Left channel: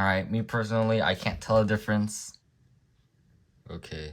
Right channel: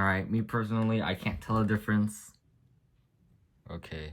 Alright, me personally, I can't tell a difference. Okay.